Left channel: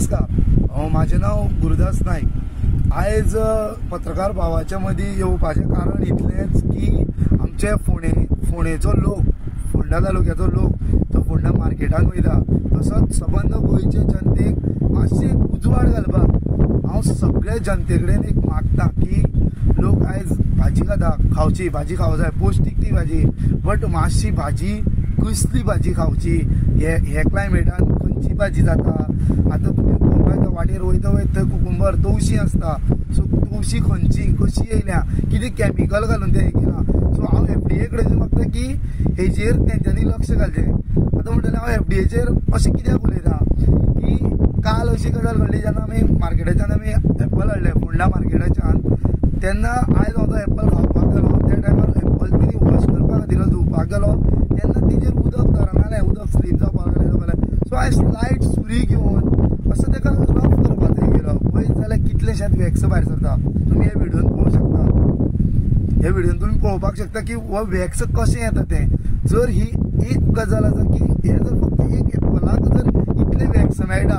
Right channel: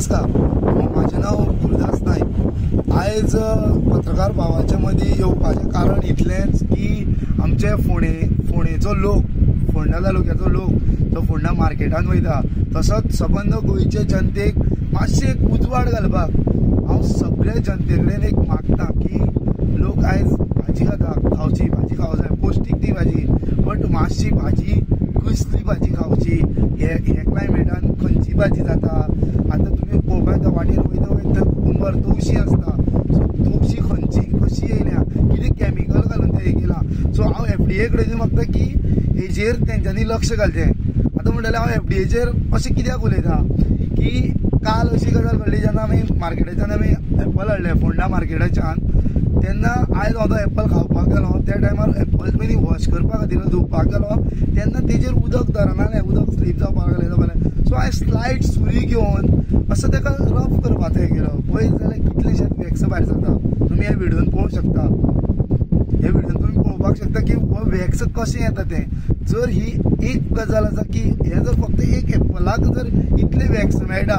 नमस्कार, माझे नाव गुरुदास नाईक। आज पत्रकार भावाच्या मध्ये येवपाचें कारण इतलेंच की आमचे फोंडेचो लोक, फोंडा तालुक्याचो लोक तो फोंडा मार्केटान वयता, तसोच सबंद गोंयचे जनतेक मातशें एक उजवाड घालपाक हांव सगळे जनते कडेन एक मागता की लोक आयज भाजी खाता, खावची भाजी खावं जाय, पौष्टीक ती भाजी, बट मातशी भाजी कसली भाजी खावची, हे क्लायमेटान खंयची भाजी जाता। आतां तुमी पळोवपाक येता वाटेर वयता वयता कुकुंबर तवशी आसता, सो तवशी खंयची कशी येयल्या, कितें कॅमिकल घालून ते हे केलां। सो हांव FDA कडेन मागता की हेजेर तेंच्यांनी लक्ष घालचें। आतां म्हणटलें हांव FDAचेर अशें कित्याक उलयता की काल अशी गजाल घडली जेन्ना आमी मार्केटाच्यान आमी एप्पल हाडले फोंडा मार्केटाच्यान, तेन्ना आयज हांव तो एप्पल खावपाक गेलो, त्या टायमार एप्पल पयलीं वॉश करपा खातीर धुवपाक गेलो, तेन्ना तेजेर उदक धरनालें, उदक स्लीप जावपाक लागलें। सो हांवें स्लायड सुरी घेवन असो ताका रफ करपाचो गेलो, पळयत जाल्यार कितलेशेच वॅक्स भायर सरता। तुमी हे व्हिडियोन पळोवंक शकता, हे व्हिडियोन तुमी पळोवपाक शकता की हो वॅक्स कशें येता तें। जर ही एक गजाल आसा की हे जर फक्त एक एप्पलाक जर इतले वॅक्स मेळटा,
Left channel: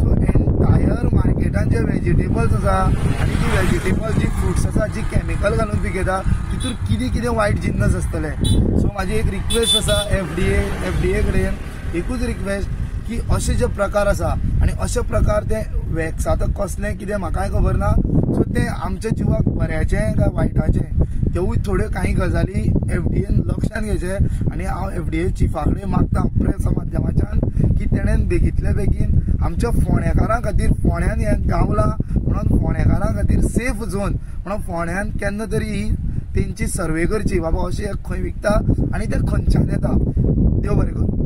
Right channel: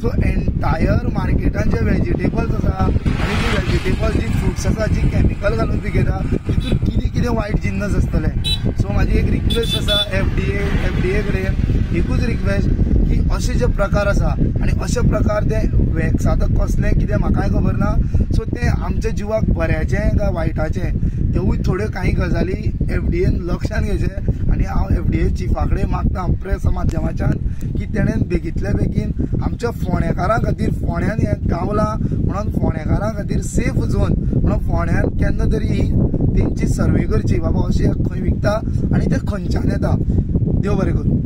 सो एंटायर मार्केटान जे वेजिटेबल्स आसा आनी ती वेजिटेबल्स जी फ्रुट्स आसा जी कॅमिकल घालून पिकयता तितून कितें कितें वायट जिन्नस आसतले। सो म्हाजी एक रिक्वेस्ट आसा FDA कडेन, एकूच रिक्वेस्ट की असे जे प्रकार आसा आनी अशे प्रकार ते वॅक्स आतां कसले कितें म्हाकाय खबर ना, सो ते आमच्या जिवाक बऱ्याचें काय वायटाचें तेवूय थोड्यो काही गजाली FDAन लक्षान घेवचे। आनी हांव FDA चिफा कडेन मागता प्रेस माध्यमाच्यान की तेणेन बेगींतल्या बेगीन आमच्या फोंडेकारां खातीर, फोंड्यान हें गावलां म्हणून फोंडेकारां खातीर सेफ झोन म्हणून फोंड्यान केन्ना तरी ही तेंची सर्वे करची, बाबा अशें खंय विकता आनी ते खंयच्यान येता। देव बरें करूं।